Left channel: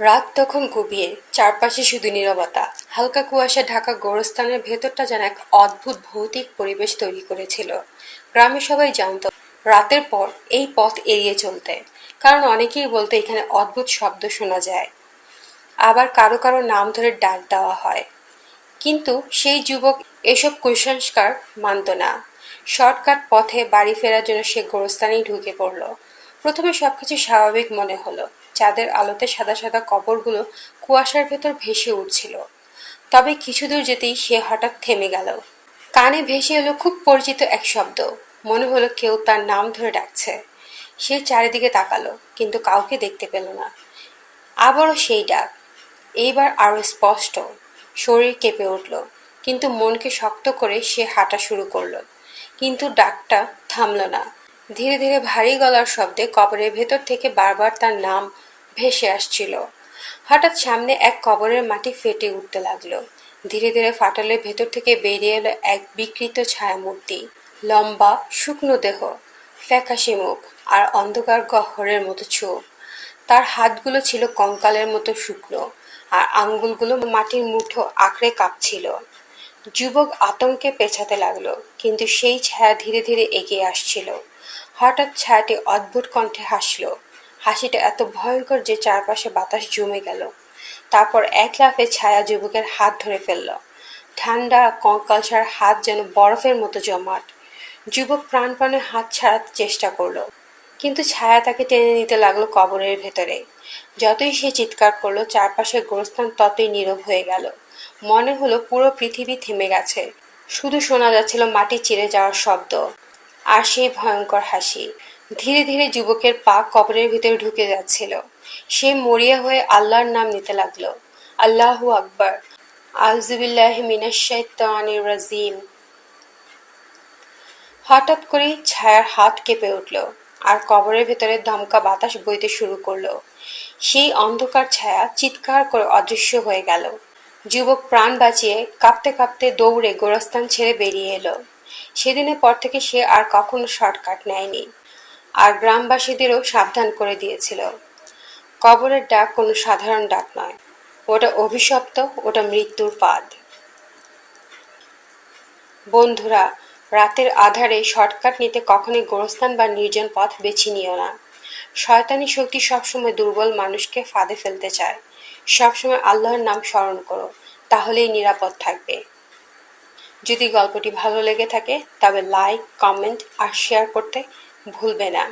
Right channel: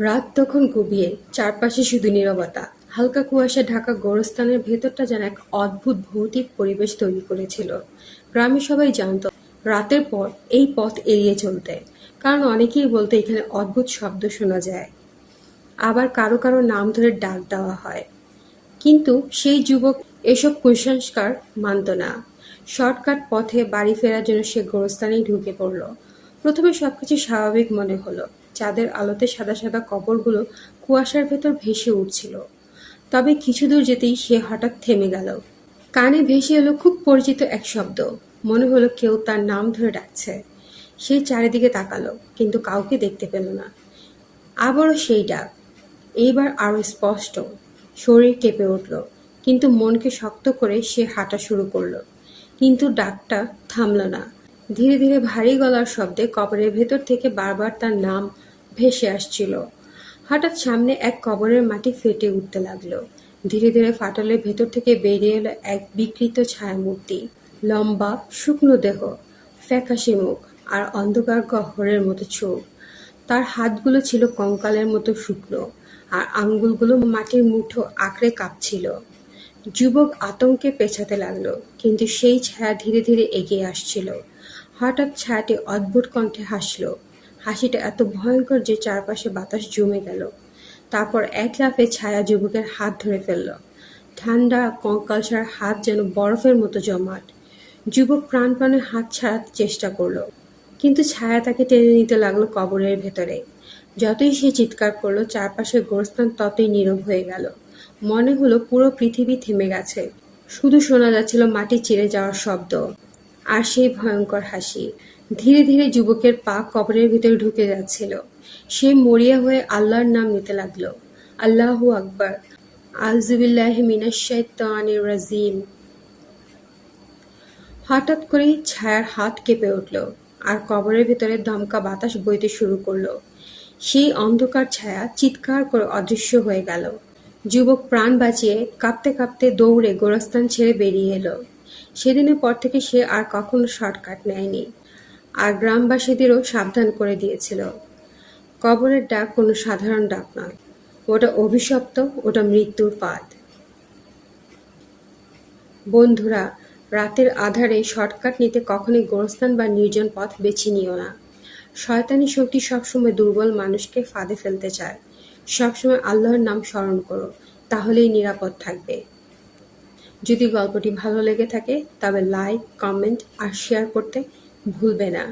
রাত তখন গভীর, চারপাশে শুধু নীরবতা। হালকা কুয়াশা ঢাকা গোরস্থানের ভেতরটা যেন এক অদ্ভুত ভৌতিক পরিবেশ তৈরি করেছিল। গ্রামে সবাই জানতো, রাতের পর এই পথ এড়িয়ে চলতে। কারণ অনেকেই বলতে এখানে অদ্ভুত শব্দ শোনা যায়। আবার কারও কারও নাম ধরে ডাক দেওয়া হয়। কিন্তু সেই যুবক এসব কুসংস্কার মানত না। শর্টকাট পথে বাড়ি ফেরার জন্য সে গোরস্থানেই ঢুকে পড়ল। প্রথমে সবকিছু স্বাভাবিক মনে হলো। চাঁদের আলোতে সাদা সাদা কবরগুলো কুয়াশার ভেতর ভেসে উঠছিল। তবে কিছু দূর যেতেই সে হঠাৎ থেমে গেল। কানে ভেসে এলো খুব পরিচিত এক শব্দ। মনে হলো কেউ তার নাম ধরে ডাকছে। সে চারিদিকে তাকালো, কিন্তু কাউকে দেখতে পেল না। আবারও সেই ডাক। এইবার আরও স্পষ্ট। শরীর কেঁপে উঠল, কিন্তু মনকে শক্ত করে সে হাঁটা শুরু করল। কিন্তু ডাকটা থামল না। ধীরে ধীরে ভারী গলার শব্দে কবরের ভেতর থেকে বারবার তার নাম ভেসে আসছিল। হঠাৎ সামনে এক কবরের মাটি ফেটে উঠতে লাগল। ধীরে ধীরে ফাটলের ভেতর থেকে বেরিয়ে এলো এক বিকৃত ছায়ামূর্তি। লম্বা, শুকনো দেহ, ফ্যাকাশে মুখ আর অন্ধকার গহ্বরের মতো চোখ। তার হাতগুলো ছিল কঙ্কালের মতো শুকনো আর আঙ্গুলগুলো মাটির মুঠো আঁকড়ে কাঁপছিল। যুবক আতঙ্কে পেছাতে লাগল, কিন্তু সেই ছায়া ধীরে ধীরে এগিয়ে আসছিল। হঠাৎ ছায়াটি অদ্ভুত কণ্ঠে হাসলো। হাসিটা এত ভয়ঙ্কর যে চারপাশে বাতাস জমে গেল। তারপর এক লাফে ছায়া যুবকের হাত ধরে ফেলল। ঠান্ডা কঙ্কালসার হাত যেন বরফের মতো জমাট। যুবক প্রাণপণে হাত ছাড়াতে চেষ্টা করল, কিন্তু ছায়া তাকে টেনে নিতে লাগল কবরের ভেতরে। যতই সে চিৎকার করল, চারপাশের গোরস্থান ততই নীরব হয়ে গেল। মনে হলো পুরো পৃথিবী থেমে গেছে। শুধু শোনা যাচ্ছিল মাটি চিরে যাওয়ার শব্দ, আর সেই ভয়ঙ্কর হাসি। ধীরে ধীরে যুবকের পা কবরের ভিতরে ঢুকে যাচ্ছিল। সে মরিয়া হয়ে আল্লাহর নাম নিতে লাগল। আল্লাহ আকবর। মিনাশাইতানির রাজিম। হঠাৎ করেই ছায়ার হাত কেঁপে উঠল আর কবরের ভেতরে ধমকা বাতাস বইতে শুরু করল। সেই অন্ধকার ছায়া চিৎকার করে অদৃশ্য হয়ে গেল। যুবক প্রাণ বাঁচিয়ে কাঁপতে কাঁপতে দৌড়ে গোরস্থান ছেড়ে বেরিয়ে এলো। সেদিনের পর থেকে সে আর কখনো শর্টকাট নেয়নি। আর গ্রামবাসীদেরও সাবধান করে দিয়েছিল। কবরের ডাক কোনো সাধারণ ডাক নয়। ওটা অভিশপ্ত, ওটা মৃত্যুর পাদ। বন্ধুরা, রাতের আধারে শর্টকাট নিতে কখনোই গোরস্থান বা নির্জন পথ বেছে নিও না। শয়তানি শক্তি সবসময় দুর্বল মানুষকে ফাঁদে ফেলতে চায়। সবসময় আল্লাহর নাম স্মরণ করো, তাহলেই নিরাপদ থাকবে। যদি গল্পটি ভালো লেগে থাকে, তবে লাইক, কমেন্ট আর শেয়ার করতে ভুলবে না।